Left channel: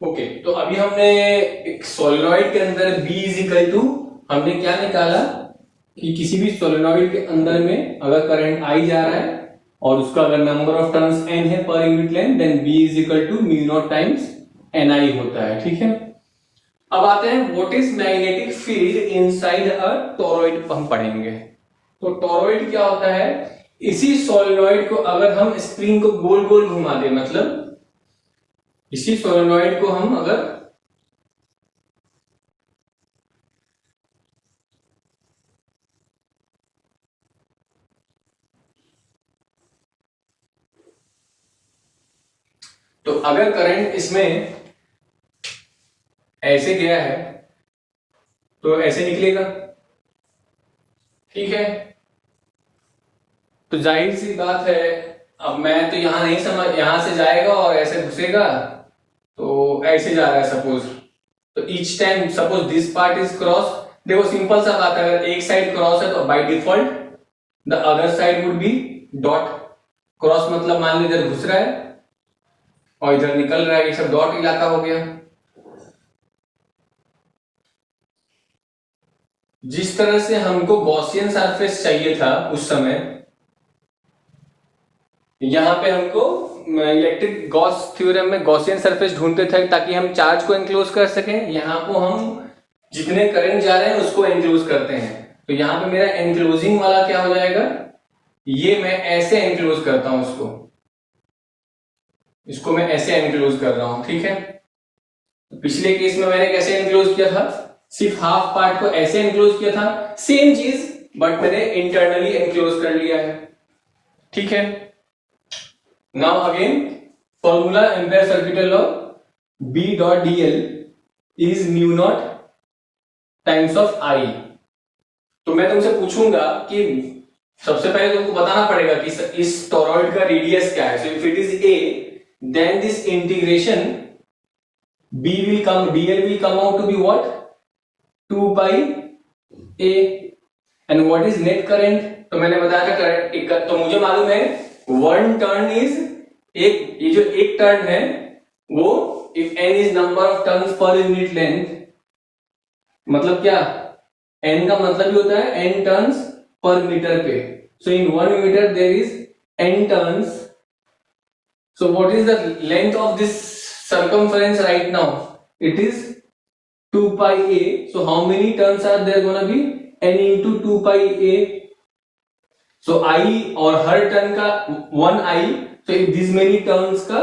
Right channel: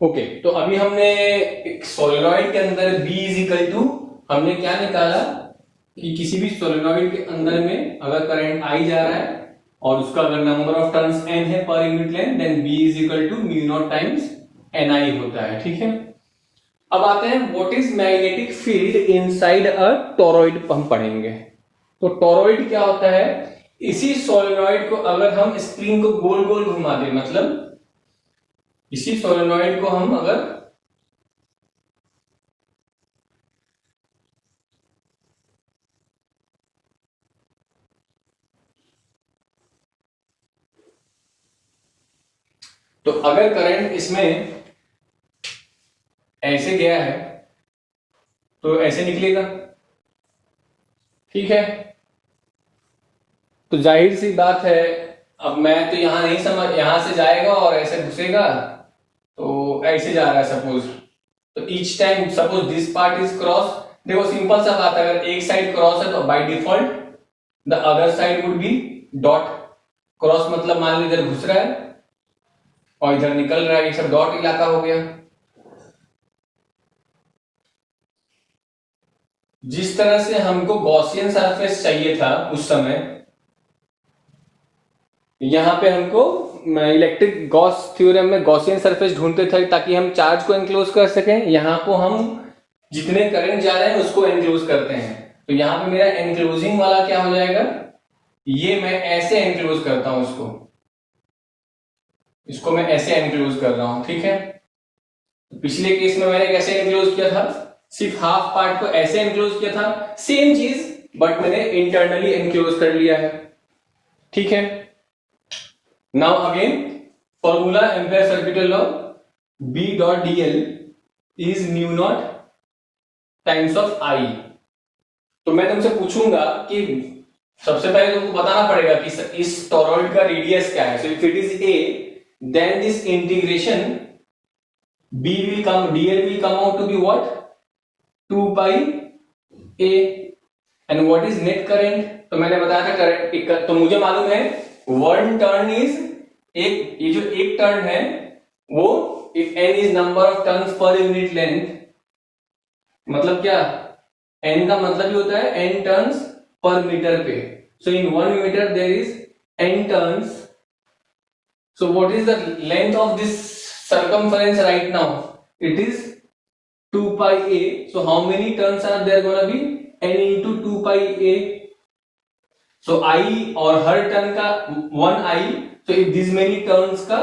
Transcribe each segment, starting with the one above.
Okay, तो अभी हमने एक सोलेनॉइड के अंदर B इज इक्वल टू, हमने क्या निकाला कि किसी भी सोलेनॉइड के अंदर में अगर करंट I जा रहा है और उसका अगर नंबर ऑफ टर्न्स N है पर unit length, then B is equal to mu not times NI होता है। ठीक है, अब आते हैं what is magnetic field inside a toroid, हम पढ़ेंगे। तो टोरॉइड क्या होता है, इसी सोलेनॉइड को अगर हम स्प्रिंग को गोल गोल घुमा दें, मतलब इसी सोलेनॉइड को हम अगर तो अगर करंट इसमें ऐसे गया है तो ऐसे निकलेगा। ठीक है, तो जाहिर सी बात है, अब मैं तो यहां नहीं समझ, यहां से जाएगा और ऐसे घुसेगा, तो ऐसे जा रहा है सपोज, तो each time suppose this part is cross. देखो सिंपल सा बात है, अगर एक साइड क्रॉस है तो by default the other side would be dot. Cross मतलब मान लीजिए इधर घुस रहा है और इधर निकल रहा है, ये सब डॉट इलाका हो गया। जिस तरह से हमको गॉसियन सरफेस चाहिए था उस समय, यहां पे हमको इलेक्ट्रिक गॉस थ्योरम में गॉसियन सरफेस ढूंढते थे ताकि हम चार्ज को एनक्लोज कर सकें। यहां को हम जितने करंट जा रहे हैं उसको एनक्लोज करते हैं, तो यहां पे मेरा एनक्लोजिंग वाला क्या हो जाएगा, ये मैं ऐसे एनक्लोज करता हूं इसको मैं ऐसे एनक्लोज कर रहा हूं। ठीक है, पिछले केस में मैंने कैसे एनक्लोज किया था, सिर्फ हाफ पार्ट को ऐसे एनक्लोज किया था, सेम चीज बट मैंने इंटरनली एनक्लोज कर लिया है। ठीक है, now again formula ampere circuital law, B dot dl is mu not times of I। तो मैं तुमसे पूछूंगा कि सबसे पहले तुमको बताना पड़ेगा कि इस टोरॉइड का रेडियस क्या है। So if it is A, then this integration B will come, dl will come out to be what, 2 pi A। and what is net current, तो मैंने बताया था करंट, तो मुझे मालूम है वन टर्न इज एक, ये जो एक टर्न है वो if n is number of turns per unit length, मतलब क्या, n का मतलब ही होता है n टर्न्स पर मीटर पे। So in 1 metre there is n turns. So what is the length of this circumference right now? It is 2 pi a. So how many turns are there gonna be? N into 2 pi a. So I और हर turn का 1 I, so if this many turns का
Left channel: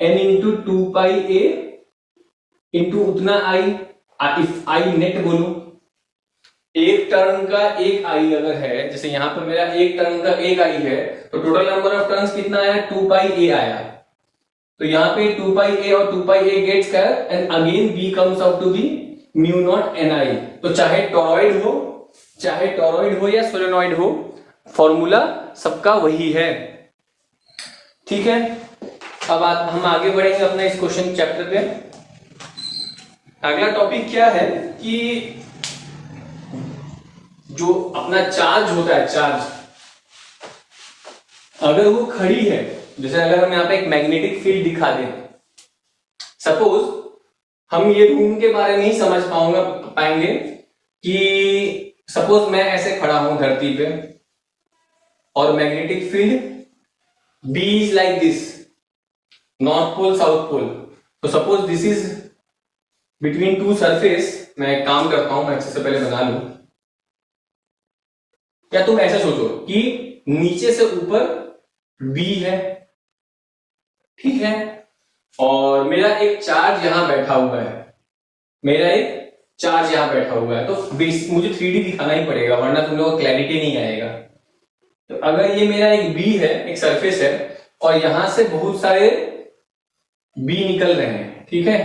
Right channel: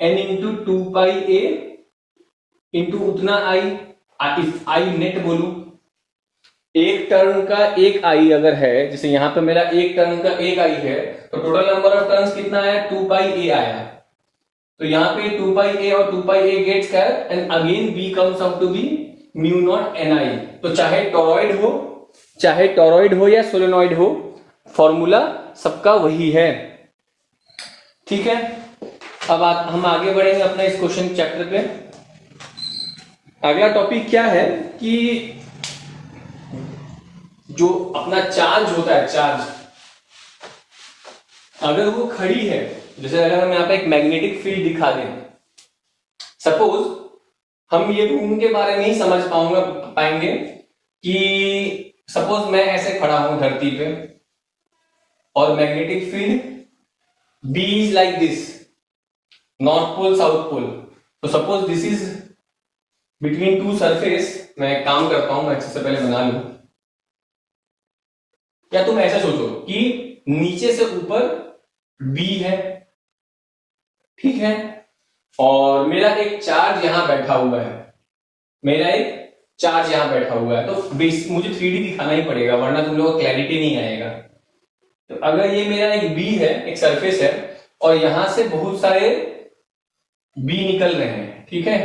N into 2 pi a into उतना I, if I net बोलूं, एक turn का एक आई अगर है, जैसे यहां पे मेरा एक टर्न का एक आई है, तो टोटल नंबर ऑफ टर्न्स कितना आया, 2 पाई ए आया। तो यहाँ पे 2 पाई ए और 2 पाई ए गेट्स का, and again B comes out to be mu naught N I. तो चाहे टोरॉइड हो या सोलेनॉइड हो, फॉर्मूला सबका वही है। ठीक है, अब हम आगे बढ़ेंगे अपने इस क्वेश्चन चैप्टर पे। अगला टॉपिक क्या है कि जो अपना चार्ज होता है, चार्ज अगर वो खड़ी है, जैसे अगर हम यहाँ पे एक मैग्नेटिक फील्ड दिखा दें, सपोज हम ये रूम के बारे में नहीं समझ पाएंगे कि सपोज मैं ऐसे खड़ा हूं धरती पे और magnetic field B is like this, north pole south pole. तो suppose this is between two surface, मैं एक काम करता हूं, मैं सबसे पहले बना लूं, या तुम ऐसा सोचो कि नीचे से ऊपर B है, ठीक है, और मेरा एक चार्ज यहां बैठा हुआ है, तो मुझे 3D दिखाना ही पड़ेगा वरना तुम लोगों को क्लैरिटी नहीं आएगा। तो अगर ये मेरा एक B है, एक सरफेस है, और यहां से बहुत सारे B निकल रहे हैं, ठीक है,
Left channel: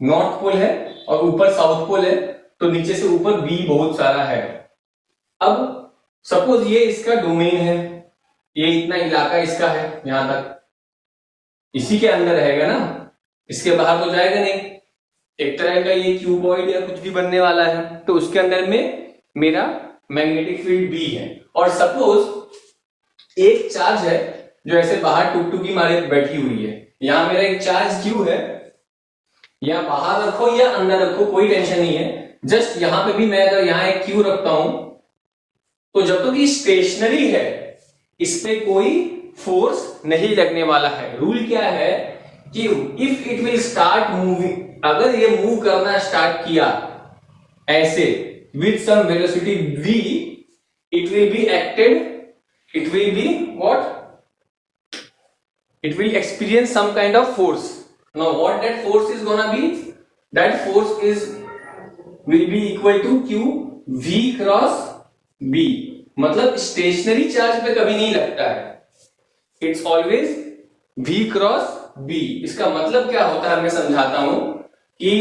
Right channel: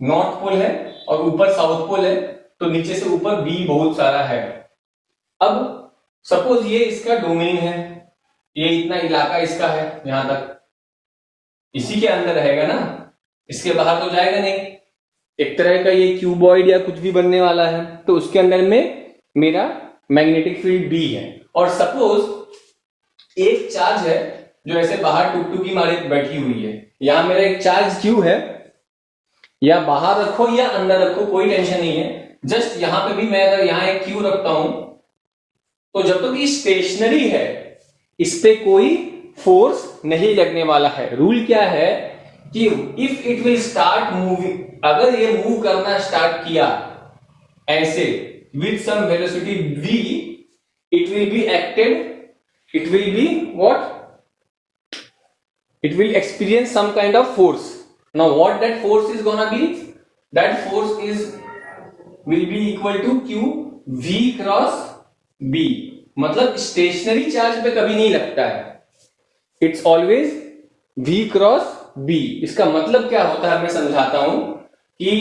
नॉर्थ पोल है और ऊपर साउथ पोल है, तो नीचे से ऊपर B बहुत सारा है। अब सपोज ये इसका डोमेन है, ये इतना इलाका इसका है, यहां तक इसी के अंदर रहेगा ना, इसके बाहर तो जाएगा नहीं। एक तरह का ये क्यूबॉइड या कुछ भी बनने वाला है, तो उसके अंदर में मेरा मैग्नेटिक फील्ड B है। और सपोज एक चार्ज है जो ऐसे बाहर टुकटुकी मारे बैठी हुई है। यहां मेरा एक चार्ज क्यू है, या बाहर रखो या अंदर रखो कोई टेंशन नहीं है। जस्ट यहां पे भी मैं अगर यहां एक क्यू रखता हूं तो जब तक ये स्टेशनरी है इस पे कोई फोर्स नहीं लगने वाला है। रूल क्या है कि if it will start moving, अगर ये मूव करना स्टार्ट किया ऐसे with some velocity v, it will be acted, it will be what, it will experience some kind of force. Now what that force is gonna be, that force is will be equal to q v cross b। मतलब stationery charge पे कभी नहीं लगता है, it's always v cross b। इसका मतलब क्या होता है मैं समझाता हूं कि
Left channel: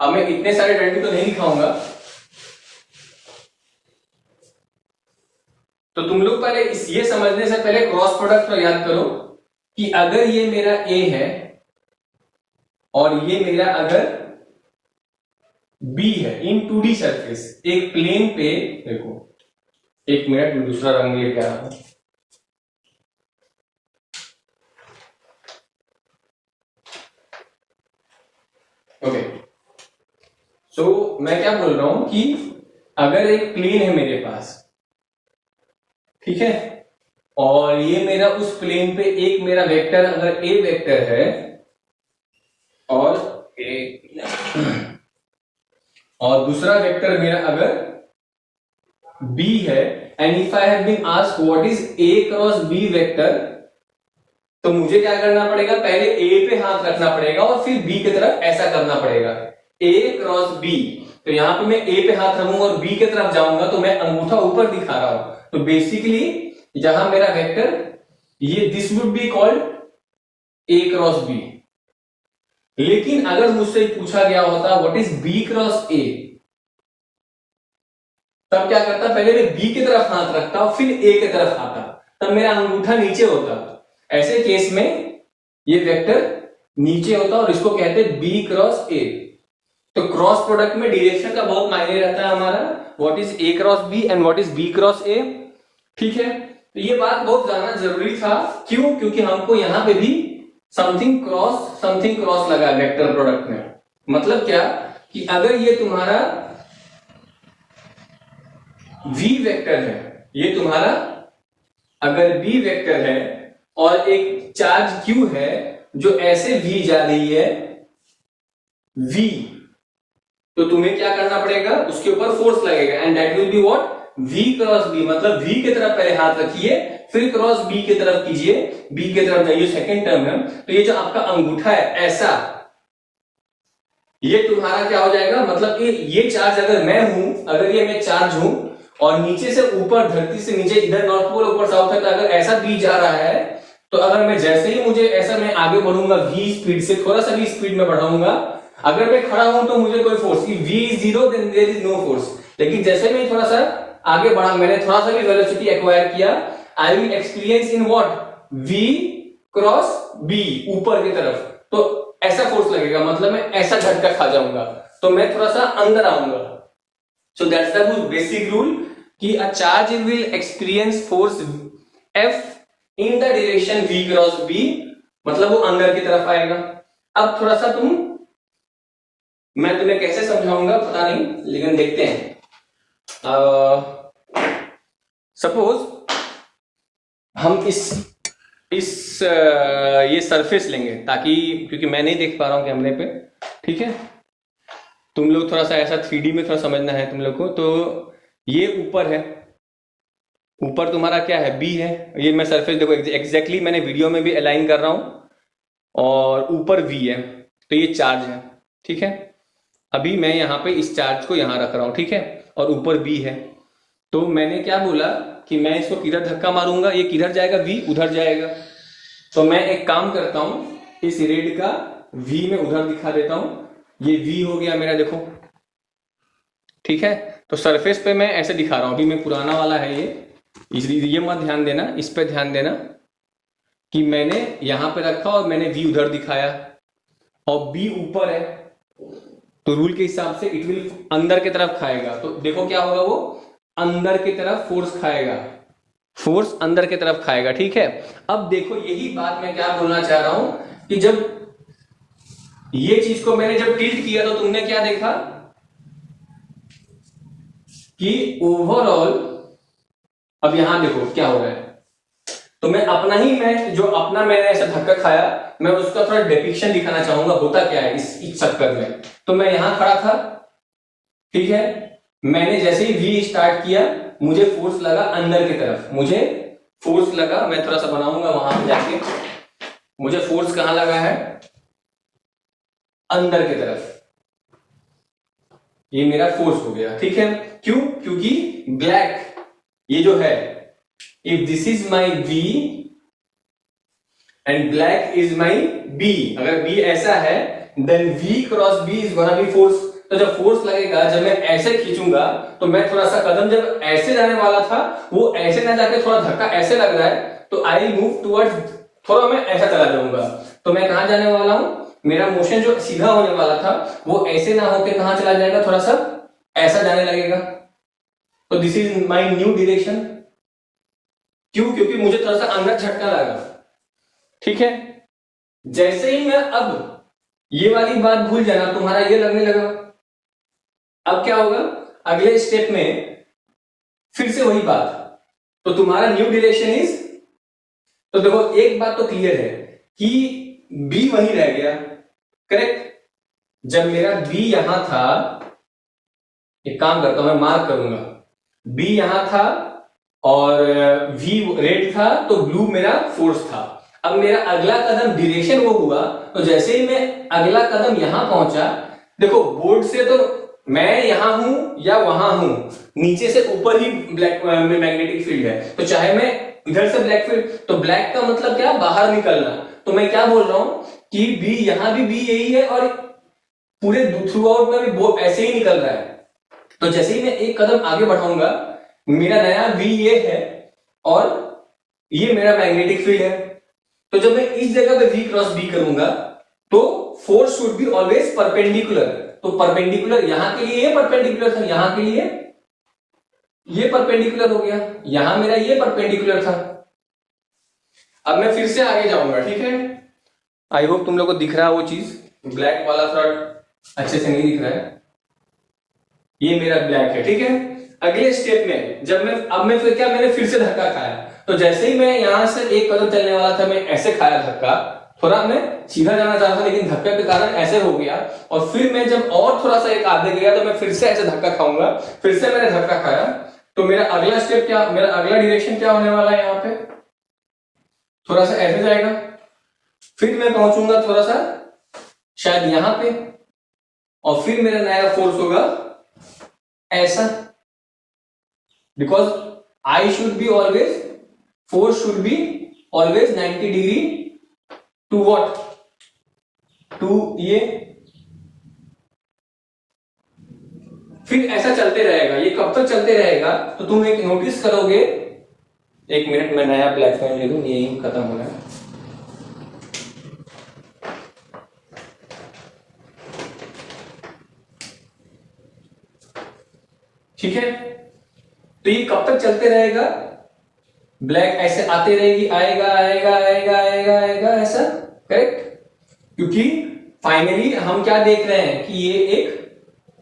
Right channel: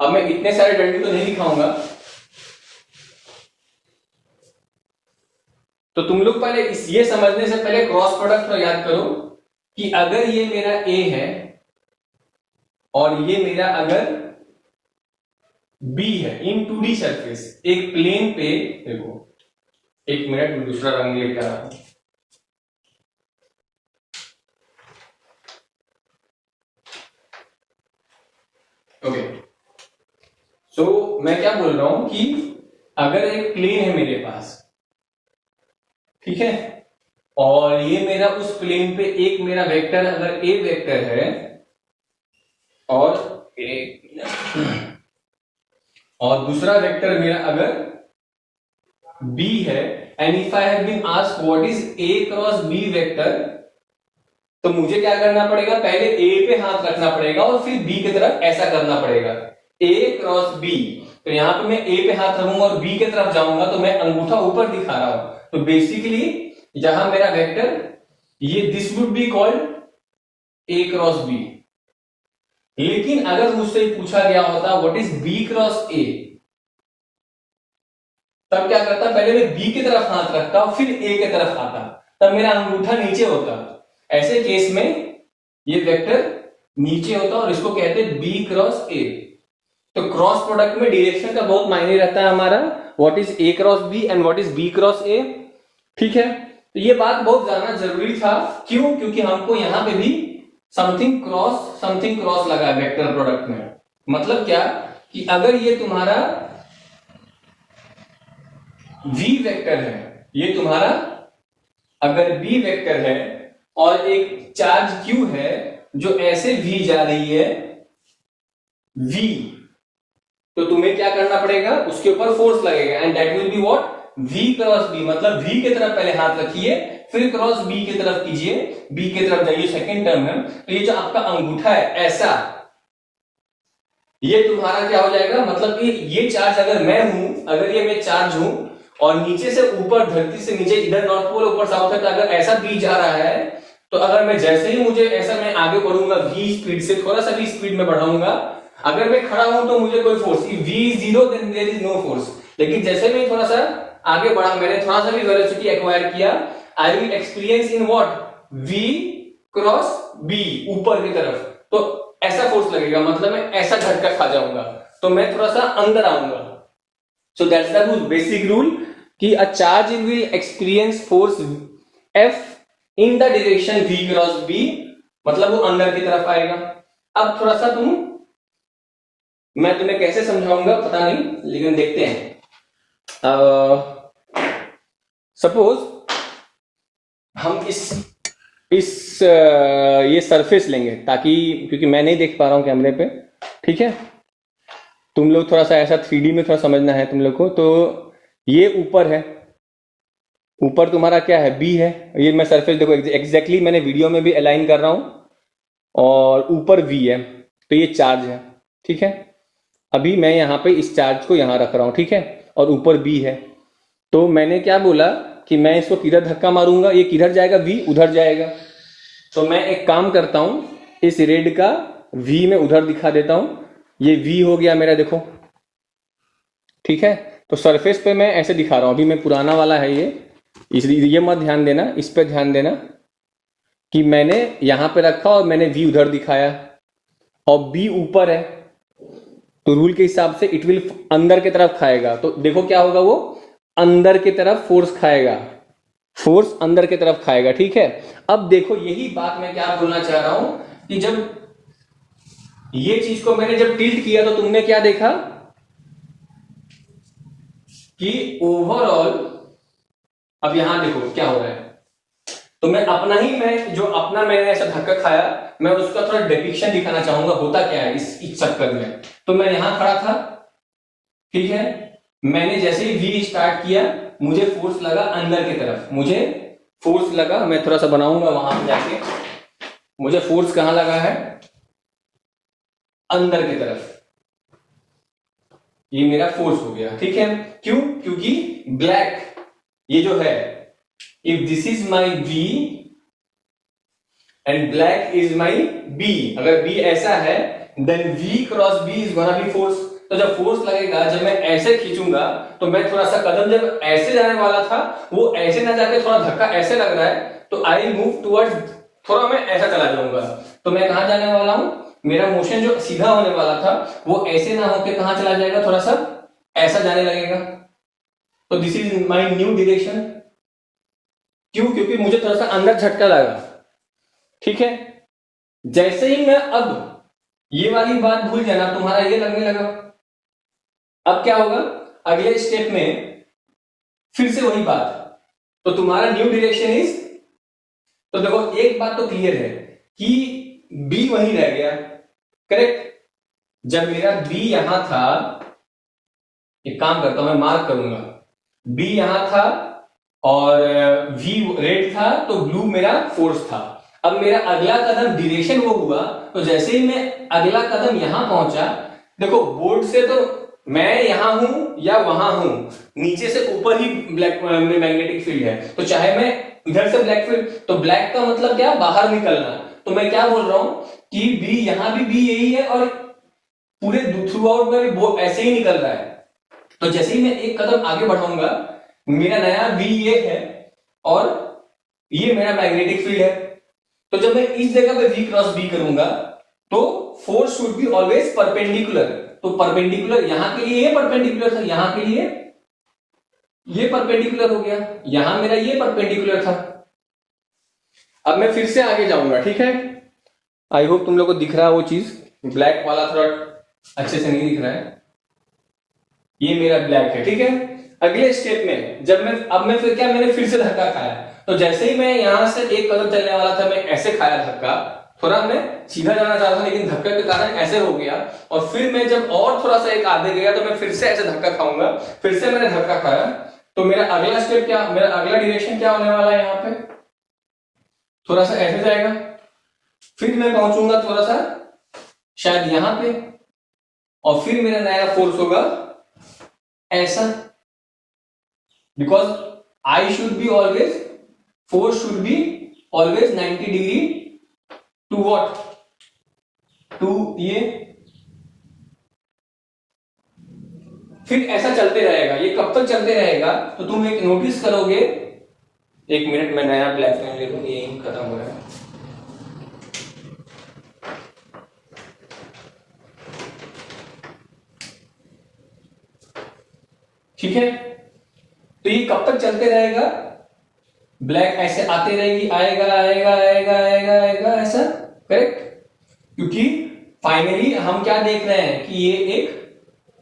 अब मैं इतने सारे डंडे तो नहीं दिखाऊंगा, तो तुम लोग पहले ये समझने से पहले क्रॉस प्रोडक्ट को याद करो कि अगर ये मेरा A है और ये मेरा अगर B है इन 2D सरफेस, एक प्लेन पे, देखो एक मिनट में दूसरा रंग लेके आ रहा हूं। ओके, सो मैं क्या बोल रहा हूं कि अगर एक प्लेन है मेरे पास, ठीक है, और ये मेरा उस प्लेन पे एक मेरा वेक्टर अगर ए वेक्टर है और दूसरा वेक्टर मेरा अगर बी है, and if I have been asked what is A cross B vector, तो मुझे क्या करना पड़ेगा, पहले ए पे हाथ रखना पड़ेगा और फिर बी की तरफ ऐसा करना पड़ेगा, ए क्रॉस बी। तो यहां पे मैं ए पे हाथ रखूंगा और बी की तरफ जाऊंगा तो मैं अंगूठा ऊपर दिखा रहा हूं, तो बेसिकली यहां मेरा वेक्टर ये this would be called A cross B. लेकिन अगर मुझसे पूछा गया होता what is B cross A, तब क्या करता, पहले मैं बी की तरफ हाथ रखता फिर ए की तरफ आता, तब मेरा अंगूठा नीचे होता। ऐसे केस में ये वेक्टर नीचे होता और इसको कहते हैं बी क्रॉस ए। तो क्रॉस प्रोडक्ट में डायरेक्शन का बहुत मायने रहता है हमारा, what is A cross B and what is B cross A. ठीक है, तो ये बात बहुत जानना जरूरी था। क्यों? क्योंकि हमको यहां पे भी समथिंग क्रॉस लगा वेक्टर प्रोडक्ट में। मतलब क्या कि अगर ये तुम्हारा v वेक्टर है, ये तुम्हारा अगर b वेक्टर है और एक चार्ज q है जो ऐसे v जा रही है v, तो तुम्हें क्या करना पड़ेगा, उसके ऊपर फोर्स लगेगा and that will be what, v cross b। मतलब v की तरफ पहले हाथ रखिए फिर क्रॉस b की तरफ कीजिए, b की तरफ जाइए, सेकंड टर्म है। तो ये जो आपका अंगूठा है ऐसा, ये तुम्हारा क्या हो जाएगा, मतलब कि ये चार्ज अगर मैं हूं, अगर ये मैं चार्ज हूं और नीचे से ऊपर, धरती से नीचे इधर नॉर्थ पोल ऊपर साउथ है, तो अगर ऐसा b जा रहा है तो अगर मैं जैसे ही मुझे ऐसा मैं आगे बढ़ूंगा v स्पीड से, थोड़ा सा भी स्पीड में बढ़ाऊंगा, अगर मैं खड़ा हूं तो मुझे कोई force, v is 0 then there is no force। लेकिन जैसे मैं थोड़ा सा आगे बढ़ा, मैंने थोड़ा सा भी वेलोसिटी एक्वायर किया, I will experience in what, v cross b ऊपर की तरफ, तो ऐसा फोर्स लगेगा, मतलब मैं ऐसा झटका खा जाऊंगा, तो मैं थोड़ा सा अंदर आऊंगा। So that's the basic rule कि a charge will experience force f in the direction v cross b, मतलब वो अंदर की तरफ आएगा। अब थोड़ा सा मैं तुम्हें कैसे समझाऊंगा पता नहीं, लेकिन देखते हैं। सपोज हम ये सरफेस लेंगे, ताकि क्योंकि मैं नहीं देख पा रहा हूं कैमरे पे, ठीक है, तुम लोग थोड़ा सा ऐसा 3D में थोड़ा समझना है तुम लोग को। तो ये ऊपर है, ऊपर तुम्हारा क्या है, बी है, ये मैं सरफेस देखो एग्जैक्टली मैंने वीडियो में भी अलाइन कर रहा हूं, और ऊपर वी है, तो ये चार्ज है, ठीक है। अभी मैं यहाँ पे इस चार्ज को यहाँ रख रहा हूं, ठीक है, और ऊपर बी है, तो मैंने क्या बोला कि मैं इसको किधर धक्का मारूंगा, ये किधर जाएगा, वी उधर जाएगा। तो मैं एक काम करता हूं, इस रेड का वी में उधर दिखा देता हूं, ये वी हो गया मेरा, देखो, ठीक है। तो सरफेस पे मैं ऐसे दिखा रहा हूं, अभी मैं पुराना वाला है ये, इसलिए ये मत ध्यान देना, इस पे ध्यान देना कि मैंने यहां पे रखा और मैंने वी उधर दिखाया और बी ऊपर है, तो रूल के हिसाब से इट विल अंदर की तरफ खाएगा। तो देखो क्या होगा, वो अंदर की तरफ फोर्स खाएगा, फोर्स अंदर की तरफ खाएगा, ठीक है। अब देखो यही बात मैं क्या बोलना चाह रहा हूं कि जब ये चीज को मैंने जब टिल्ट किया तो तुमने क्या देखा कि ओवरऑल, अब यहां देखो क्या हो रहा है, तो मैं जो अपना मैंने ऐसा धक्का खाया, मैं उसका थोड़ा डिपिक्शन दिखाना चाहूंगा होता क्या है इस चक्कर में। तो मैं यहां खड़ा था, ठीक है, मैंने जैसे ही वी स्टार्ट किया मुझे फोर्स लगा अंदर की तरफ, मुझे फोर्स लगा, मैं थोड़ा सा बनाऊंगा वहां जाके, मुझे फोर्स कहां लगा है, अंदर की तरफ, ये मेरा फोर्स हो गया, ठीक है। क्यों? क्योंकि ब्लैक ये जो है, if this is my B and black is my B, अगर बी ऐसा है then V cross B is gonna be force. तो जब फोर्स लगेगा, जब मैं ऐसे खींचूंगा तो मैं थोड़ा सा कदम जब ऐसे जाने वाला था वो ऐसे ना जाके थोड़ा धक्का ऐसे लग रहा है, तो आई मूव टुवर्ड्स, थोड़ा मैं ऐसा चला जाऊंगा, तो मैं कहां जाने वाला हूं, मेरा मोशन जो सीधा होने वाला था वो ऐसे ना होकर कहां चला जाएगा, थोड़ा सा ऐसा जाने लगेगा। तो this is my new direction. क्यों? क्योंकि मुझे थोड़ा सा अंदर झटका लगा, ठीक है। जैसे ही मैं अब ये वाली बात भूल जाना, तुम्हारा ये लगने लगा, अब क्या होगा अगले स्टेप में, फिर से वही बात, तो तुम्हारा न्यू डायरेक्शन इज, तो देखो एक बात तो क्लियर है कि बी वही रह गया, करेक्ट। जब मेरा बी यहां था, एक काम करता हूं मैं मार्क करूंगा, बी यहां था और वी रेड था, तो ब्लू मेरा फोर्स था। अब मेरा अगला कदम डायरेक्शन वो हुआ, तो जैसे ही मैं अगला कदम यहां पहुंचा, देखो बोर्ड से तो मैं यहां हूं या वहां हूं, नीचे से ऊपर ही ब्लैक मैग्नेटिक फील्ड है, तो चाहे मैं इधर से ब्लैक फील्ड, तो ब्लैक का मतलब क्या, बाहर निकलना। तो मैं क्या बोल रहा हूं कि बी यहां भी बी यही है और पूरे थ्रू आउट में भी ऐसे ही निकल रहा है। तो जैसे ही मैं एक कदम आगे बढ़ाऊंगा, मेरा नया बी ये है और ये मेरा मैग्नेटिक फील्ड है, तो जब मैं इस जगह पे वी क्रॉस बी करूंगा तो force should be always perpendicular. तो परपेंडिकुलर यहां के लिए ये परपेंडिकुलर था, यहां के लिए ये परपेंडिकुलर हो गया, यहां मेरा ये परपेंडिकुलर था। अब मैं फिर से आगे जाऊंगा, ठीक है। आई होप तुम लोग को दिख रहा है वो चीज, ब्लैक वाला थोड़ा अच्छे से नहीं दिख रहा है, ये मेरा ब्लैक है, ठीक है। अगले स्टेप में जब मैं फिर क्या, मैंने फिर से धक्का खाया, तो जैसे ही मैं यहां से एक कदम चलने वाला था, मैं ऐसे खाया धक्का, थोड़ा मैं सीधा जाना चाह रहा था लेकिन धक्के के कारण ऐसे हो गया, और फिर मैं जब और थोड़ा सा एक आगे गया तो मैं फिर से ऐसे धक्का खाऊंगा, फिर से मैंने धक्का खाया, तो मेरा अगला स्टेप क्या, मेरा अगला डायरेक्शन क्या होने वाला है, यहाँ पे थोड़ा सा ऐसे जाएगा, फिर मैं पहुंचूंगा थोड़ा सा शायद यहां पे, और फिर मेरा नया फोर्स होगा ऐसा, because I should be always, force should be always 90 degree to what, to ये, फिर ऐसा चलते रहेगा। ये कब तक चलते रहेगा, तो तुम एक नोटिस करोगे, एक मिनट मैं नया ब्लैक पेन ले लूं, ये खत्म हो रहा है। ठीक है, तो ये कब तक चलते रहेगा, ब्लैक ऐसे आते रहेगी, आएगा आएगा आएगा आएगा आएगा ऐसा, करेक्ट। क्योंकि फाइनली हम क्या देख रहे हैं कि ये एक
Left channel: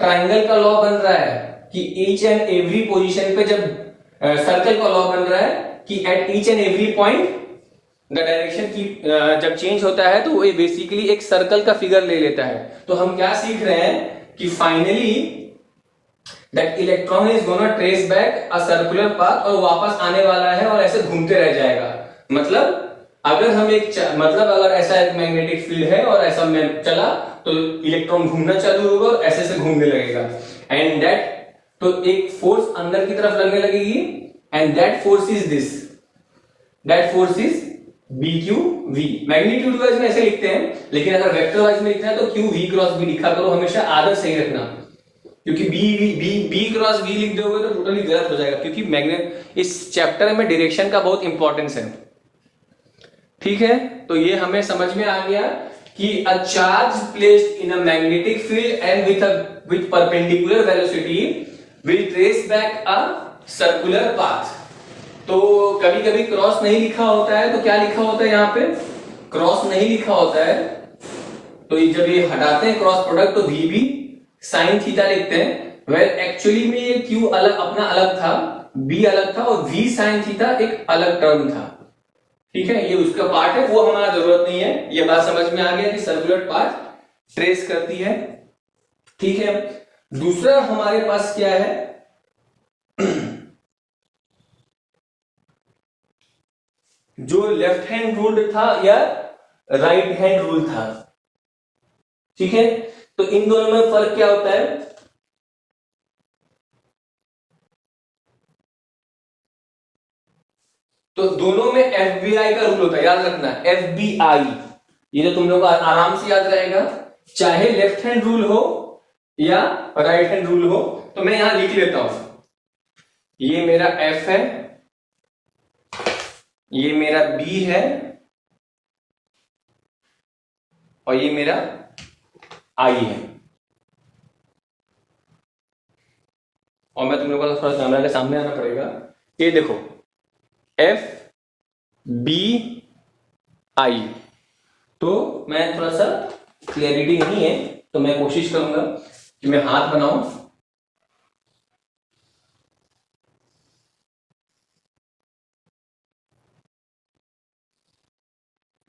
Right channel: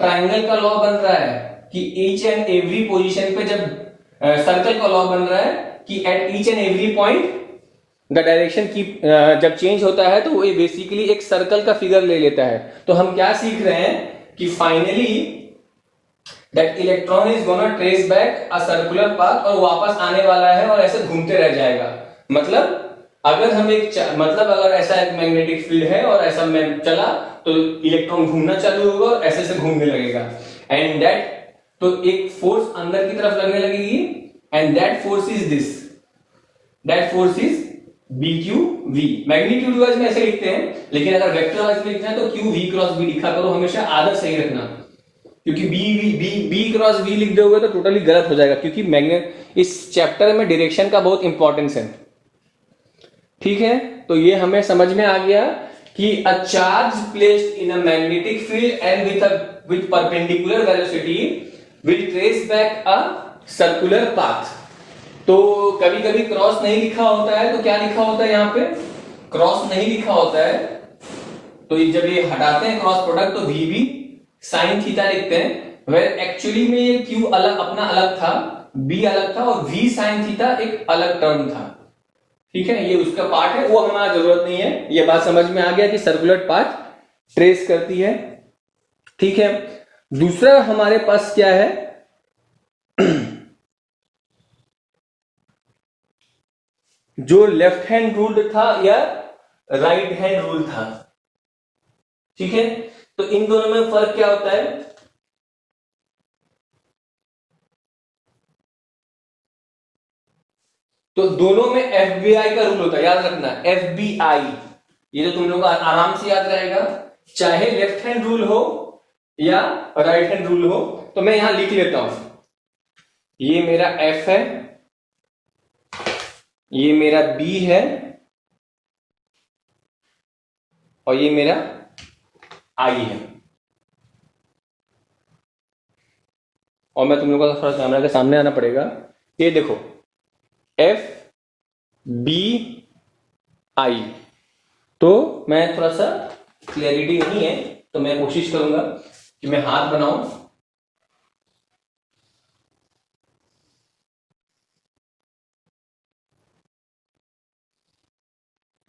ट्रायंगल का लॉ बन रहा है कि ईच एंड एवरी पोजीशन पे, जब सर्कल का लॉ बन रहा है कि at each and every point the direction की जब चेंज होता है तो वो बेसिकली एक सर्कल का फिगर ले लेता है। तो हम क्या सीख रहे हैं कि finally that electron is gonna trace back a circular path, और वापस आने वाला है और ऐसे घूमते रह जाएगा। मतलब अगर हम अगर ऐसा एक मैग्नेटिक फील्ड है और ऐसा चला तो इलेक्ट्रॉन घूमना चालू होगा और ऐसे से घूमने लगेगा, एंड दैट, तो एक फोर्स अंदर की तरफ लगने लगेगी, and that force is this, that force is B Q V. Magnitude wise में ऐसे लिखते हैं, लेकिन अगर वेक्टर वाइज में लिखना है तो क्यू वी क्रॉस बी लिखा करो, हमेशा आदत सही रखना, क्योंकि बी क्रॉस बी लिख दोगे तो टोटली गलत हो जाएगा, क्योंकि मैग्नेट इस चैप्टर में डायरेक्शन का बहुत इंपॉर्टेंस है। ठीक है, तो ये हमें समझ में आ गया कि a charge placed in a magnetic field and with perpendicular velocity will trace back a circular path. तो कभी कभी क्रॉस नहीं लिखा होता है, तो क्या लिखा होता है यहाँ पे, क्रॉस नहीं लिखा होता है, तो जब ये हटाते हैं क्रॉस प्रोडक्ट तो वी भी साइन थीटा लिखते हैं। वेल एक्चुअली में ये क्यू अलग अपना अलग था, बी अलग था, और वी साइन थीटा एक अलग टर्म था। ठीक है, ये उसका पार्ट है, वो हमारा जरूरत नहीं है। ये बात समझ में आ गया कि सर्कुलर पाथ ट्रेस करती है। ठीक है, दूसरा हमारे पास क्या है, जो लेफ्ट हैंड रूल्ड था या राइट हैंड रूल था। ठीक है, तो इन दोनों में फर्क क्या होता है, तो दोनों में FBI का रूल होता है, याद रखना FBI, ये तो तुम लोग आराम से याद करेगा, चाहे लेफ्ट हैंड रूल हो या राइट हैंड रूल हो। तो मैं यहां लिख लेता हूं, ये मेरा F है, ये मेरा B है, और ये मेरा I है। और मैं तुम लोगों को थोड़ा कैमरा के सामने आना पड़ेगा। ये देखो FBI, तो मैं थोड़ा सा क्लैरिटी नहीं है, तो मैं कोशिश करूंगा कि मैं हाथ बनाऊं।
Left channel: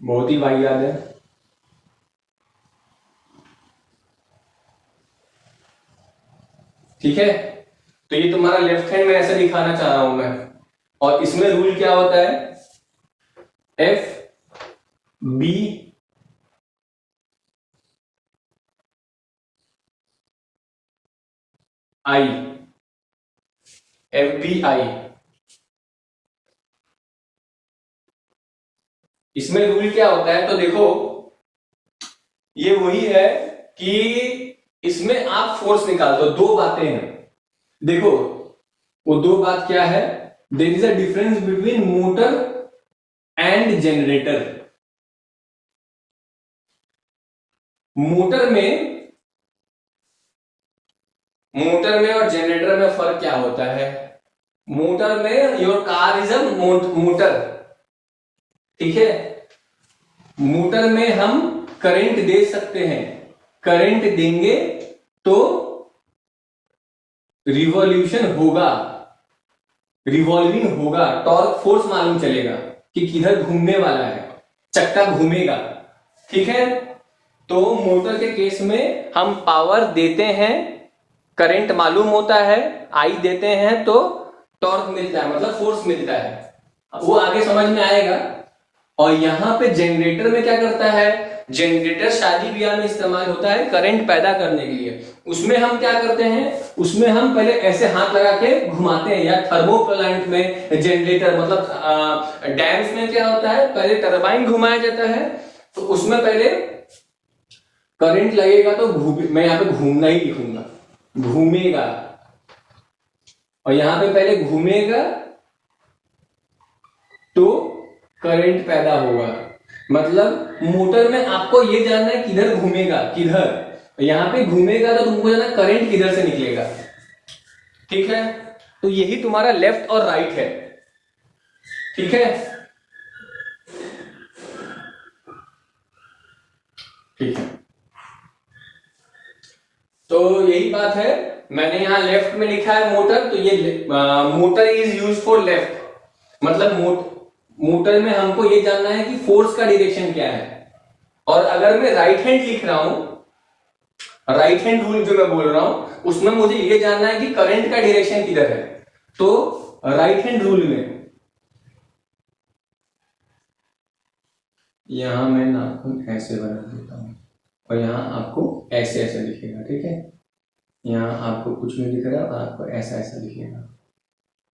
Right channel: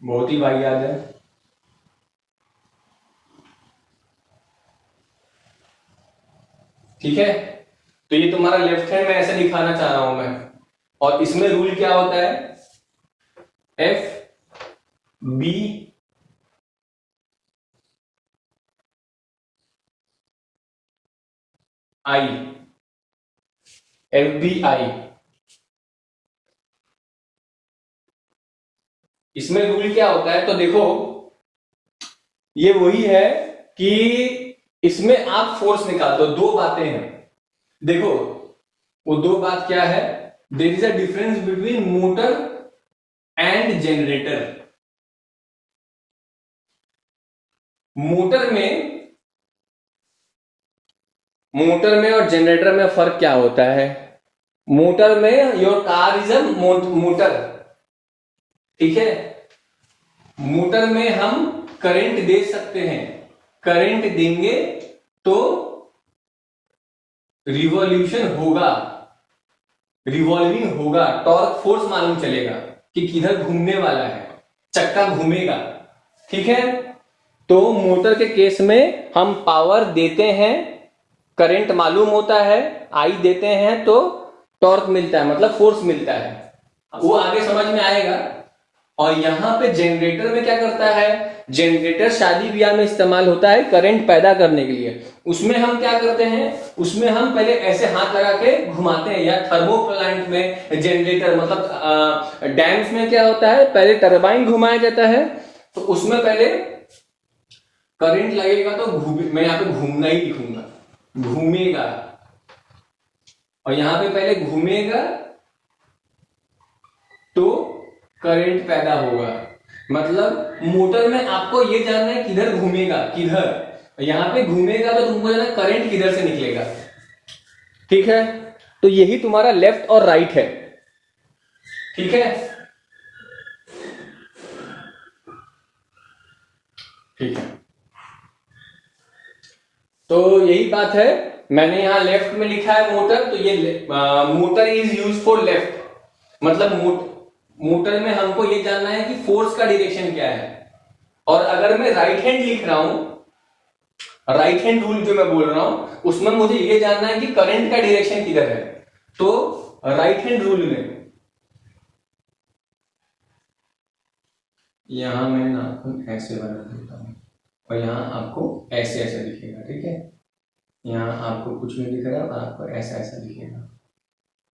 बहुत ही वाहियात है। ठीक है, तो ये तुम्हारा लेफ्ट हैंड में ऐसे दिखाना चाह रहा हूं मैं, और इसमें रूल क्या होता है, FBI, FBI, इसमें रूल क्या होता है, तो देखो ये वही है कि इसमें आप फोर्स निकाल दो। दो बातें हैं, देखो वो दो बात क्या है, there is a difference between motor and generator. Motor में और जनरेटर में फर्क क्या होता है, मोटर में your car is a motor. ठीक है, मोटर में हम करंट दे सकते हैं, करंट देंगे तो रिवॉल्यूशन होगा, रिवॉल्विंग होगा, टॉर्क फोर्स मालूम चलेगा कि किधर घूमने वाला है, चक्का घूमेगा। ठीक है, तो मोटर के केस में हम पावर देते हैं, करंट मालूम होता है, आई देते हैं तो टॉर्क मिलता है, मतलब फोर्स मिलता है, वो आगे समझ में आएगा। और यहां पे जनरेटर में क्या करता है, जनरेटर शादी ब्याह में इस्तेमाल होता है करंट पैदा करने के लिए। उसमें हम क्या करते हैं, उसमें हम पहले ऐसे हाथ लगा के घुमाते हैं, या थर्मो प्लांट में जनरेटर मतलब डैम्स में क्या होता है, पहले टरबाइन घुमाया जाता है, तो उसमें पहले करंट लगेगा तो मैं यहां पे घूमना ही लिखूंगा, घूमेगा, और यहां पे पहले घूमेगा तो करंट पैदा होगा। मतलब मोटर में आपको ये जानना है किधर घूमेगा, किधर, यहां पे घूमेगा तो तुमको जानना करंट किधर से निकलेगा। ठीक है, तो यही तुम्हारा लेफ्ट और राइट है। ठीक है, ठीक है, तो यही बात है। मैंने यहां लेफ्ट में लिखा है मोटर, तो ये motor is use for left, मतलब मोटर में हमको ये जानना है कि फोर्स का डायरेक्शन क्या है। और अगर मैं राइट हैंड लिख रहा हूं, राइट हैंड रूल जो मैं बोल रहा हूं, उसमें मुझे ये जानना है कि करंट का डायरेक्शन किधर है। तो राइट हैंड रूल में यहां मैं नाखून ऐसे बना देता हूं, और यहां आपको ऐसे ऐसे दिखेगा। ठीक है, यहां आपको कुछ नहीं दिख रहा, आपको ऐसा ऐसा दिखेगा।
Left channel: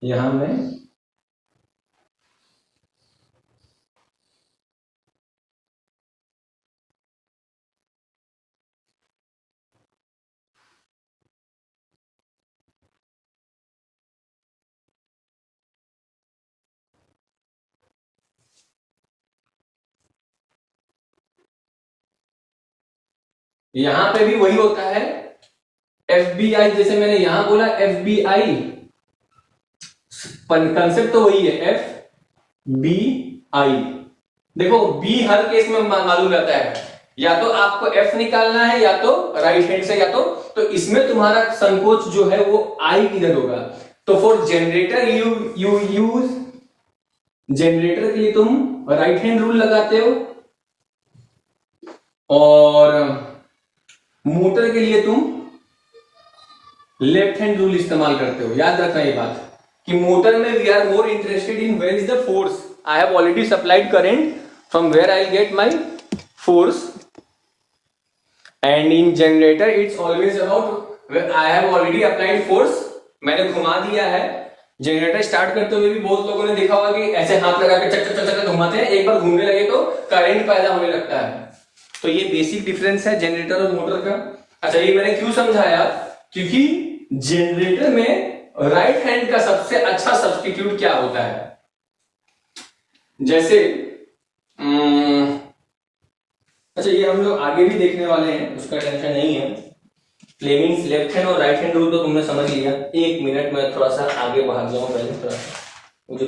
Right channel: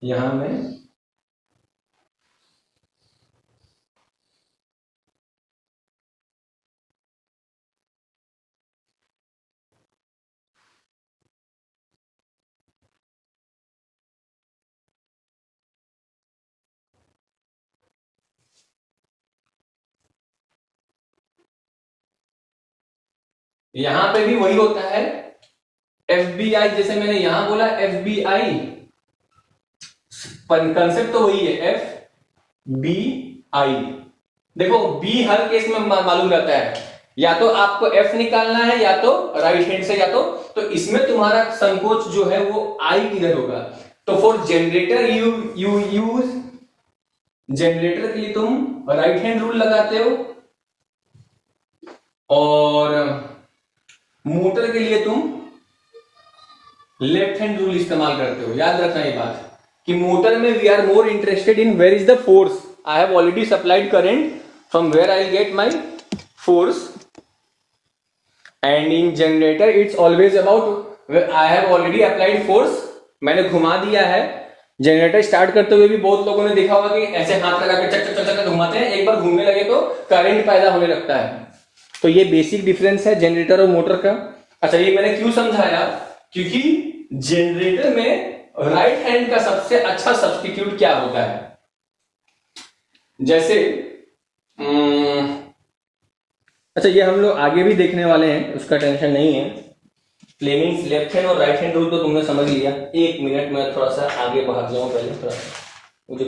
यहां मैं यहां पे भी वही होता है, FBI, जैसे मैंने यहां बोला FBI कंसेप्ट तो वही है, एफ बी आई। देखो बी हर केस में मालूम रहता है, या तो आपको एफ निकालना है या तो राइट हैंड से, या तो इसमें तुम्हारा संकोच जो है वो आई किधर होगा। तो for generator you use, generator के लिए तुम राइट हैंड रूल लगाते हो, और मोटर के लिए तुम लेफ्ट हैंड रूल इस्तेमाल करते हो। याद रखना ये बात कि मोटर में we are more interested in where is the force. I have already supplied current, from where I get my force, and in generator it's always about I have already applied force, मैंने घुमा दिया है। Generator start करते हुए भी बहुत लोगों ने देखा होगा कि ऐसे हाथ लगा के चक चक चक घुमाते हैं, एक बार घूमने लगे तो करंट पैदा होने लगता है। तो ये बेसिक डिफरेंस है जनरेटर और मोटर का। अच्छा, ये मैंने क्यों समझाया, क्योंकि जनरेटर में राइट हैंड का सबसे अच्छा सब्स्टिट्यूट क्या होता है। जैसे अच्छा, ये हम लोग आगे भी देखने वाले हैं, उसका टेंशन नहीं है। फ्लेमिंग्स लेफ्ट हैंड और राइट हैंड रूल तो तुमने समझ लिया। एक मिनट में थोड़ा सा आगे भाग जाऊं, पहले थोड़ा मुझे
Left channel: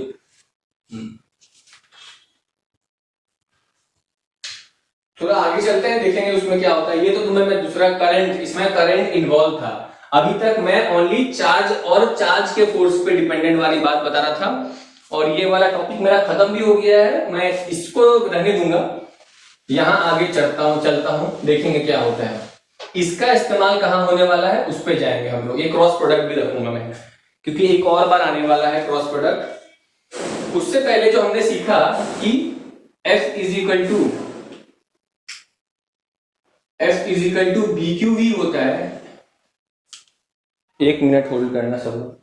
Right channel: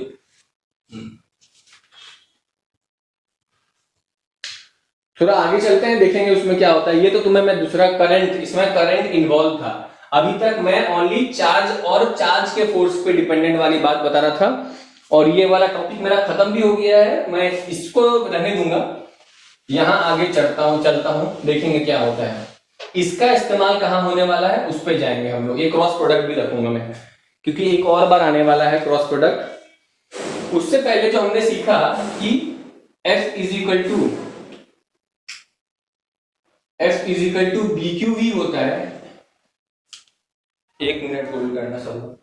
थोड़ा आगे चलते हैं, देखेंगे उसमें क्या होता है। ये तो तुम्हें मैं दूसरा करंट, इसमें करंट इन्वॉल्व था। अभी तक मैं ओनली चार्ज और चार्ज के फोर्स पे डिपेंडेंट वाली बात बता रहा था, और ये वाला टॉपिक मेरा खत्म भी हो गया है, मैं इसको रहने दूंगा। यहां आगे चलता हूं, देखेंगे क्या होता है। इसका इस्तेमाल कहां होने वाला है उस पर जाएंगे हम लोग। एक क्रॉस प्रोडक्ट भी रखूंगा मैं, क्योंकि एक और बार आने वाला है क्रॉस प्रोडक्ट। उससे पहले जो हमने सीखा कि F is equal to B Q V होता है। एक मिनट होल्ड करना सब।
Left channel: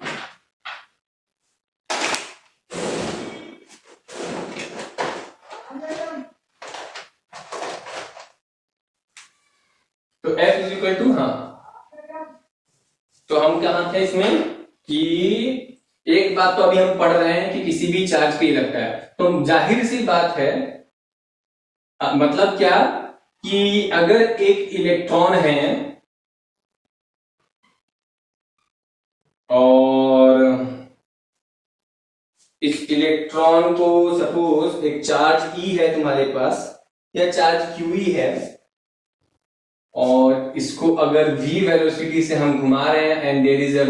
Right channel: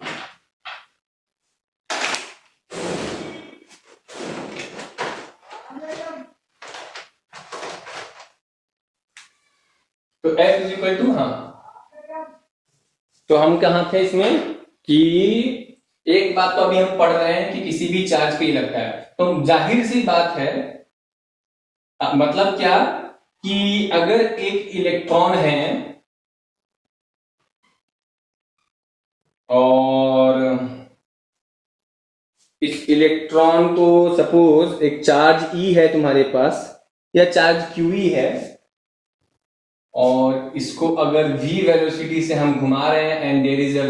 तो F इज इक्वल टू, तो हम कहां थे इसमें कि एक बात तो अभी हम पढ़ रहे हैं कि किसी भी चार्ज के लिए लगता है। तो जाहिर सी बात है, मतलब क्या कि अगर एक इलेक्ट्रॉन है और इस इलेक्ट्रॉन को सपोज एक चार्ज E है तुम्हारे पास, या चार्ज QE है, और इसको अगर v वेलोसिटी से हम घुमा रहे हैं, and there is a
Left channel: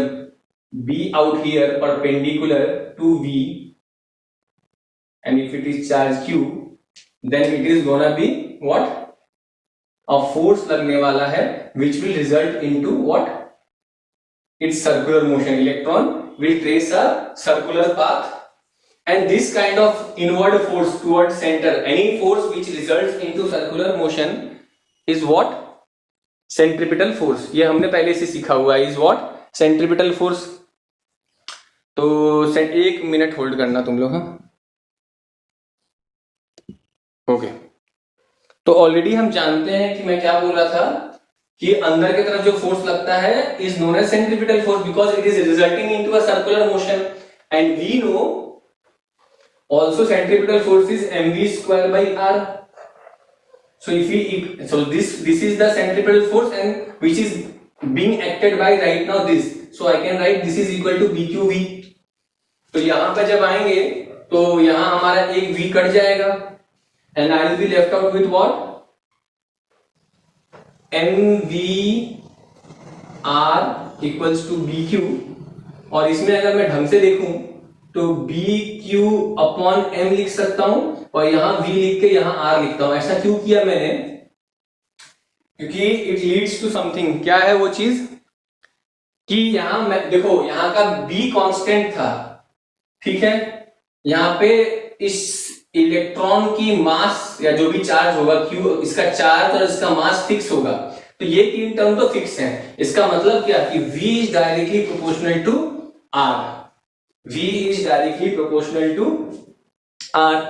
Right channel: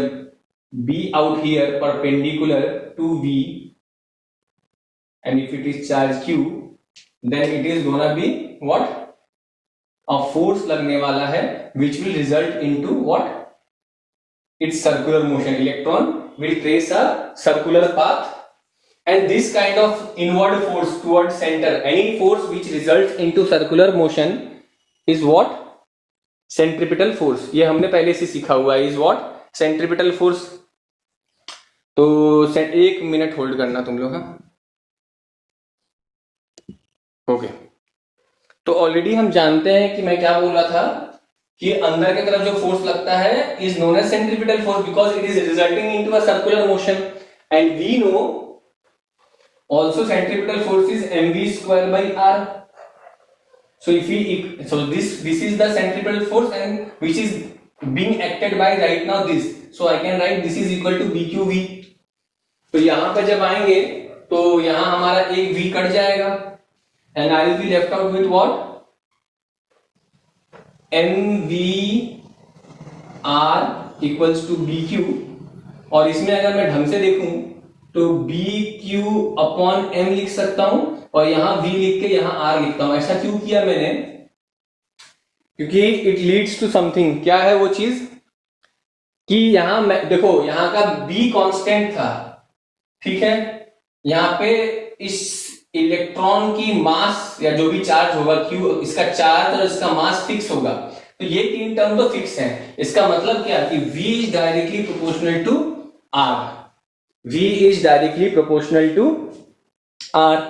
b out here perpendicular to v, and if it is charge q, then it is gonna be what, a force लगने वाला है, which will result into what, its circular motion. Electron will trace a circular path, and this kind of inward force towards center, any force which results into circular motion is what, centripetal force. ये हमने पहले से सीखा हुआ है, is what, centripetal force. तो एक minute hold करना तुम लोग, ओके। तो ऑलरेडी हम जानते हैं कि मैं क्या बोल रहा था कि अंदर की तरफ जो फोर्स लगता है is known as centripetal force, because it is resulting into a circular motion, and we know also centripetal force is mv square by r. So this is the centripetal force, and which is being acted by right now this. So I can write this is equal to BQV. तो यहां पर जब आएंगे तो यहां हमारा एक V cut जाएगा, and I will be left out with what, mv r equals to BQ. और इसमें अगर मैं ढंग से देखूं तो BQ अपॉन M लिख सकता हूं, और यहां V लिख के यहां R लिखता हूं। ऐसा क्यों किया मैंने, क्योंकि इट लीड्स टू समथिंग। क्या है वो चीज कि यहां मैं देखो, यहां का B कांस्टेंट था, ठीक है। यहां पे इस इलेक्ट्रॉन की मास या जो भी चार्ज होगा Q, इसका चार्ज और इसका मास फिक्स होगा। तो ये तीन टर्म तो फिक्स हैं। इसका मतलब क्या कि V is directly proportional to R, V is directly proportional to R।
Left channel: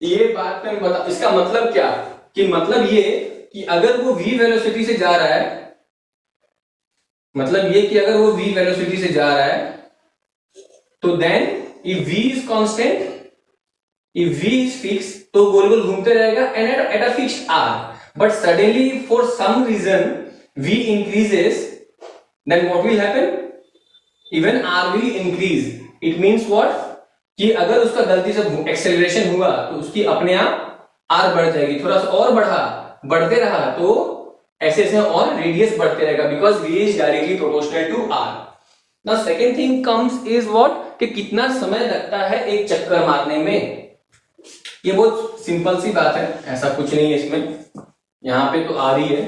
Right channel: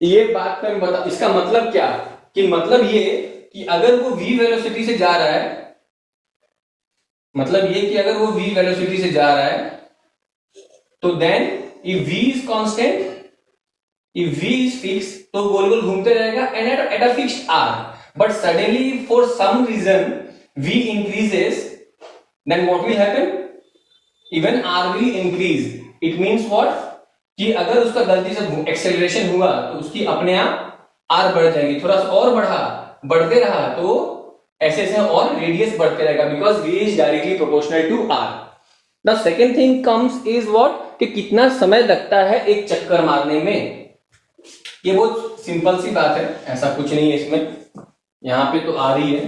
ये बात मैं बता, इसका मतलब क्या कि मतलब ये कि अगर वो v वेलोसिटी से जा रहा है, मतलब ये कि अगर वो v वेलोसिटी से जा रहा है, तो then if v is constant, if v is fix, तो गोल गोल घूमते रहेगा and at a fixed r. But suddenly for some reason v increases, then what will happen, even r will increase. It means what, कि अगर उसका गलती से एक्सेलरेशन हुआ तो उसकी अपने आप आर बढ़ जाएगी, थोड़ा सा और बढ़ते रहा तो ऐसे ऐसे और रेडियस बढ़ते रहेगा, because v is directly proportional to r। Now second thing comes is what, कि कितना समय लगता है एक चक्कर मारने में। ये बहुत सिंपल सी बात है, ऐसा कुछ नहीं है इसमें, यहां पे तो आ रही है।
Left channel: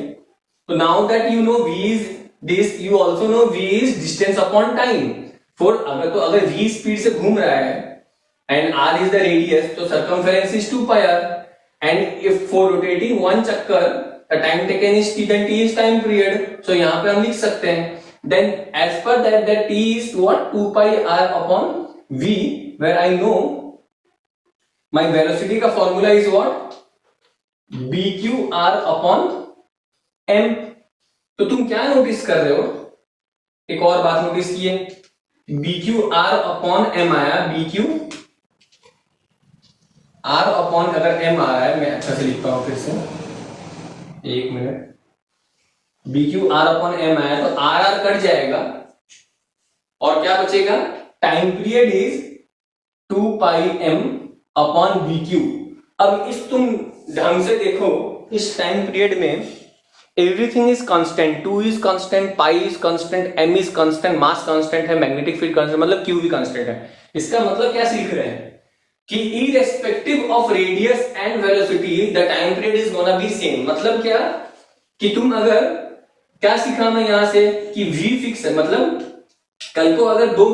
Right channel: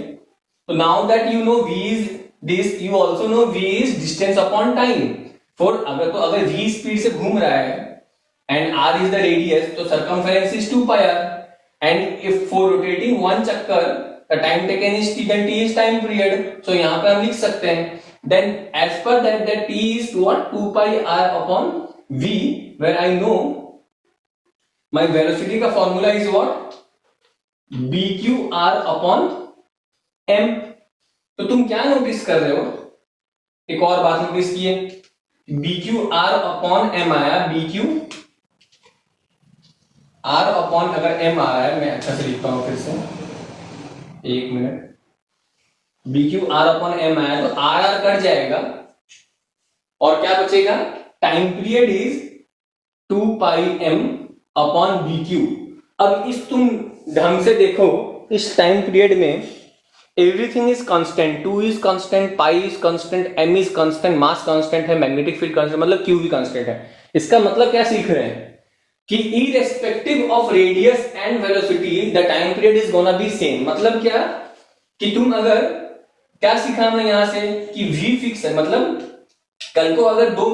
तो now that you know v is this, you also know v is distance upon time. For अगर v स्पीड से घूम रहा है and r is the radius, तो circumference is 2 pi r, and if for rotating one चक्कर the time taken is t, then t is time period. So यहां पे हम लिख सकते हैं then as per that t is what, 2 pi r upon v, where I know my velocity का formula is what, bqr upon m। तो तुम क्या नोटिस कर रहे हो, एक और बात नोटिस किए, bqr upon m आया, bq r upon अगर m आ रहा है, मैं अच्छा से लिखता हूं फिर से, एक minute, bq r upon m आया तो r कट जाएगा और क्या बचेगा, time period is 2 pi m upon bq। अब इस तुम ढंग से देखो, इस टाइम पीरियड में everything is constant, 2 is constant, pi is constant, m is constant, mass constant है, मैग्नेटिक फील्ड कांस्टेंट, मतलब q भी कांस्टेंट है। इसका मतलब क्या सीख रहे हैं कि irrespective of radius and velocity the time period is gonna B same. मतलब क्या, कि तुम अगर क्या सीखा मैं यहां से, कि v फिक्स है, मतलब कल को अगर दो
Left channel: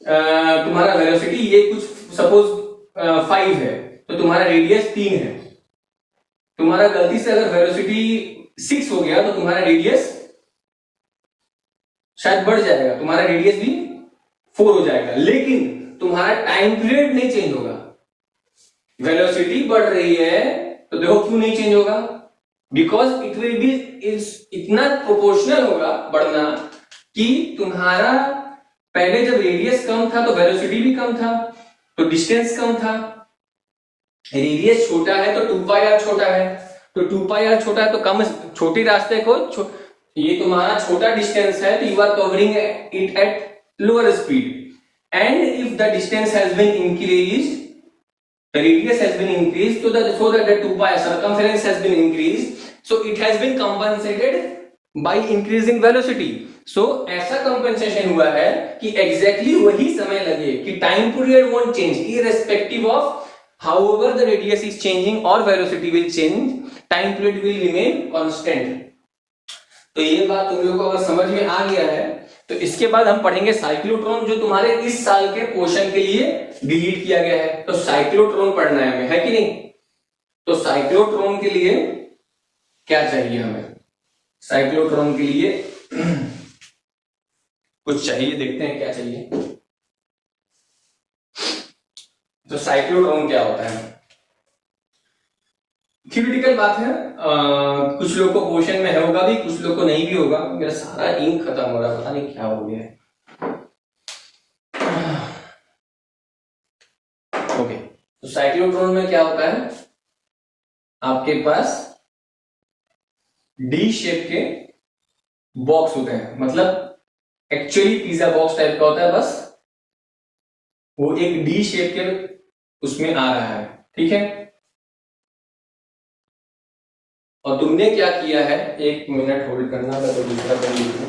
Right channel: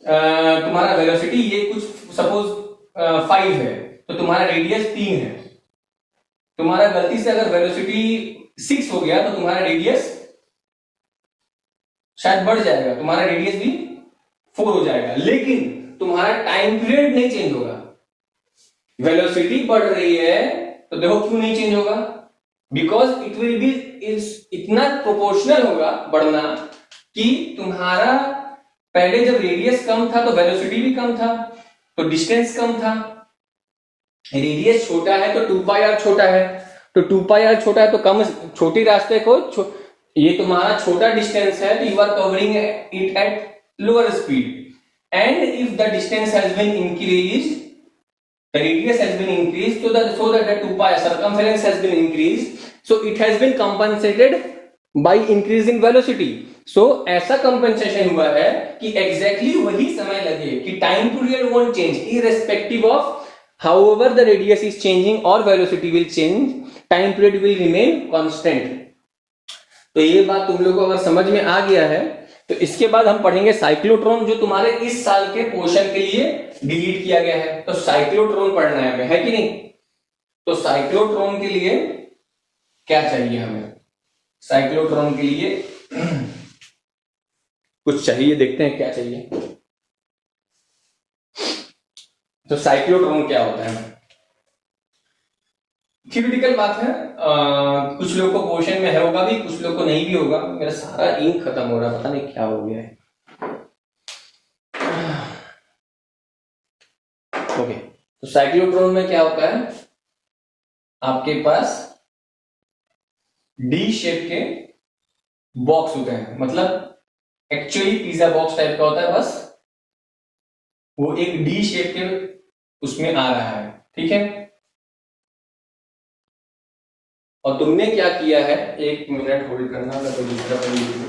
तुम्हारा वेलोसिटी ये कुछ सपोज 5 है तो तुम्हारा रेडियस 3 है, तुम्हारा गलती से अगर वेलोसिटी 6 हो गया तो तुम्हारा रेडियस शायद बढ़ जाएगा, तुम्हारा रेडियस भी 4 हो जाएगा, लेकिन तुम्हारा टाइम पीरियड नहीं चेंज होगा। वेलोसिटी बढ़ रही है तो देखो क्यों नहीं चेंज होगा, बिकॉज इट विल बी इतना प्रोपोर्शनल होगा बढ़ना कि तुम्हारा पहले जब रेडियस कम था तो वेलोसिटी भी कम था, तो डिस्टेंस कम था, रेडियस छोटा है तो 2 pi r छोटा है, तो 2 pi r छोटा है तो कम छोटी रास्ते को ये तुम्हारा छोटा डिस्टेंस है तो you are covering it at lower speed, and if the distance has been increased, the radius has been increased so that the 2 pi circumference has been increased, so it has been compensated by increase in velocity। so ऐसा compensation हुआ है कि exactly वही समय लगे कि time period won't change irrespective of however the radius is changing or velocity will change, time period will remain constant। तो ये बात तुम लोगों को अगर समझ में आ गया है तो इसके बाद हम पढ़ेंगे साइक्लोट्रॉन, जो तुम्हारे इस साल के पोर्शन के लिए डिलीट किया गया है। तो साइक्लोट्रॉन पढ़ना है हमें, है कि नहीं। तो साइक्लोट्रॉन के लिए क्या चाहिए हमें, साइक्लोट्रॉन के लिए कुछ चाहिए, देखते हैं क्या चाहिए। तो साइक्लोट्रॉन क्या होता है, थ्योरेटिकल बात है, कुछ लोग को क्वेश्चन में होगा भी, कुछ लोग को नहीं भी होगा। मेरा सारा इंक खत्म हो रहा है, पता नहीं क्या हो गया है। ओके, तो साइक्लोट्रॉन में क्या होता है, आपके पास डी शेप के बॉक्स होते हैं, मतलब एक्चुअली पिज्जा बॉक्स टाइप का होता है, बस वो एक डी शेप के उसमें आ रहा है, ठीक है। और तुमने क्या किया है, एक मिनट होल्ड करना था तो दूसरा तरीका,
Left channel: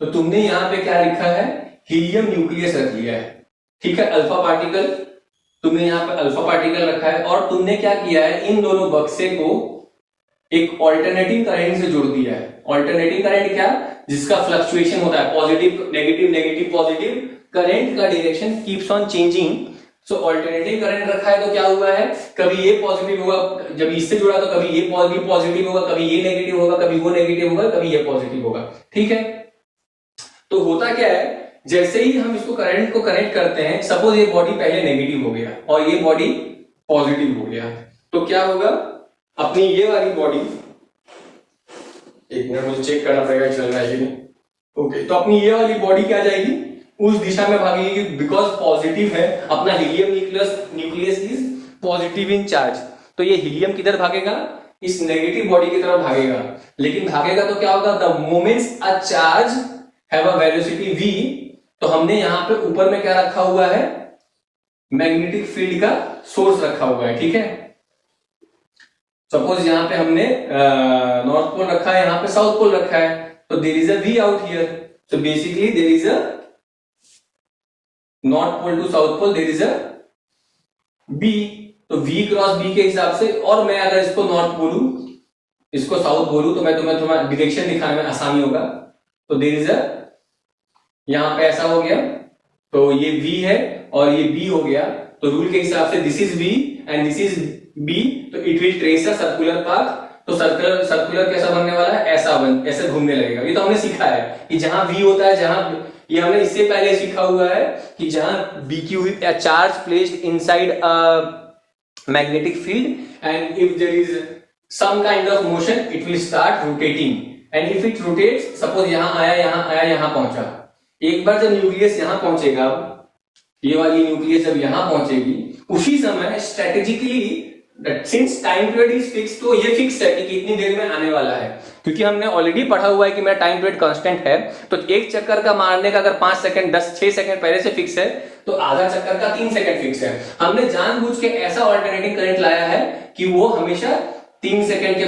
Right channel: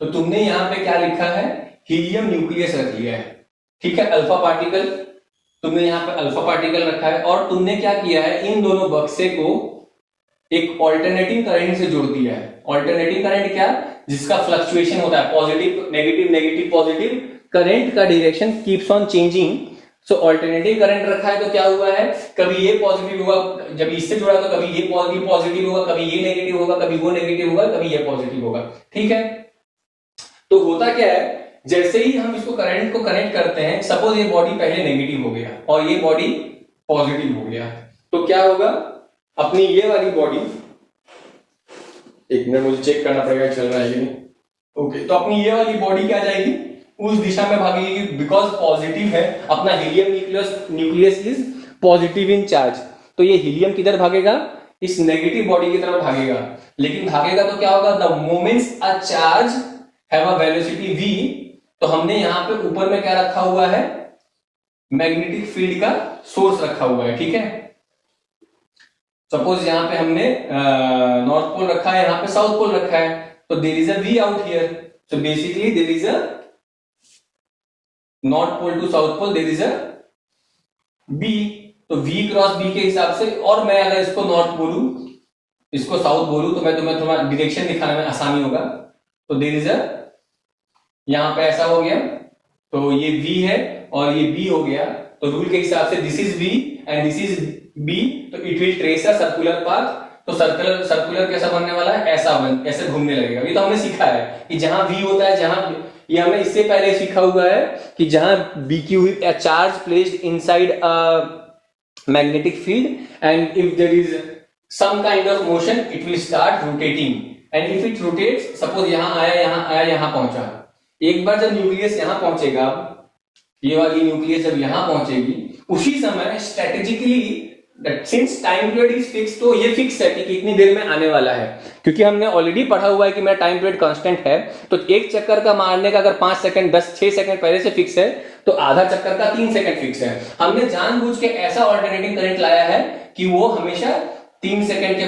तो तुमने यहां पे क्या लिखा है, हीलियम न्यूक्लियस रख लिया है, ठीक है। अल्फा पार्टिकल तुमने यहां पे अल्फा पार्टिकल रखा है, और तुमने क्या किया है, इन दोनों बक्से को एक ऑल्टरनेटिंग करंट से जोड़ दिया है। ऑल्टरनेटिंग करंट क्या, जिसका फ्लक्चुएशन होता है, positive negative negative positive, current का direction keeps on changing. So alternating current रखा है तो क्या हुआ है, कभी ये पॉजिटिव होगा, जब इससे जुड़ा तो कभी ये पॉजिटिव होगा, कभी ये नेगेटिव होगा, कभी वो नेगेटिव होगा, कभी ये पॉजिटिव होगा, ठीक है। तो होता क्या है, जैसे ही हम इसको करंट को कनेक्ट करते हैं, सपोज ये बॉडी पहले नेगेटिव हो गया और ये बॉडी पॉजिटिव हो गया, तो क्या होगा, अपनी ये वाली बॉडी, एक मिनट मुझे चेक करना पड़ेगा चल रहा है। ओके, तो अपनी ये वाली बॉडी क्या जाएगी, उस दिशा में भागेगी, बिकॉज पॉजिटिव है, अपना helium nucleus is positive in charge, तो ये हीलियम किधर भागेगा, इस नेगेटिव बॉडी की तरफ भागेगा, लेकिन भागेगा तो क्या होगा, the moments a charge have a velocity v। तो हमने यहां पे ऊपर में क्या रखा हुआ है, मैग्नेटिक फील्ड का सोर्स रखा हुआ है, ठीक है। सपोज यहां पे हमने नॉर्थ पोल रखा है, यहां पे साउथ पोल रखा है, तो there is a v out here. So basically there is a north pole to south pole, there is a b। तो v क्रॉस b के हिसाब से, और मैं अगर इसको नॉर्थ बोलूं, इसको साउथ बोलूं, तो मैं तुम्हें थोड़ा डायरेक्शन दिखाने में आसानी होगा। तो देयर इज अ, यहां पे ऐसा हो गया, तो ये v है और ये b हो गया। तो रूल के हिसाब से this is v and this is b, तो it will trace a circular path. तो सर्कुलर कैसा बनने वाला है, ऐसे घूमने लगेगा। ये तो हमने सीखा है कि जहां v होता है, जहां ये हमने इससे पहले सीखा हुआ है कि जहां BQ a charge placed inside a magnetic field and if there is some kind of motion it will start rotating and if it rotates, suppose यहां आया यहां पहुंचा, एक बार जब न्यूक्लियस यहां पहुंचेगा, ये वाली न्यूक्लियस जब यहां पहुंचेगी, उसी समय strategically since time period is fix, तो ये फिक्स है कि कितनी देर में आने वाला है, क्योंकि हमने ऑलरेडी पढ़ा हुआ है कि मेरा टाइम पीरियड कांस्टेंट है। तो एक चक्कर का मारने का अगर 5 सेकंड 6 सेकंड पहले से फिक्स है, तो आधा चक्कर का 3 सेकंड फिक्स है। हमने जानबूझ के ऐसा ऑल्टरनेटिंग करंट लाया है कि वो हमेशा 3 सेकंड के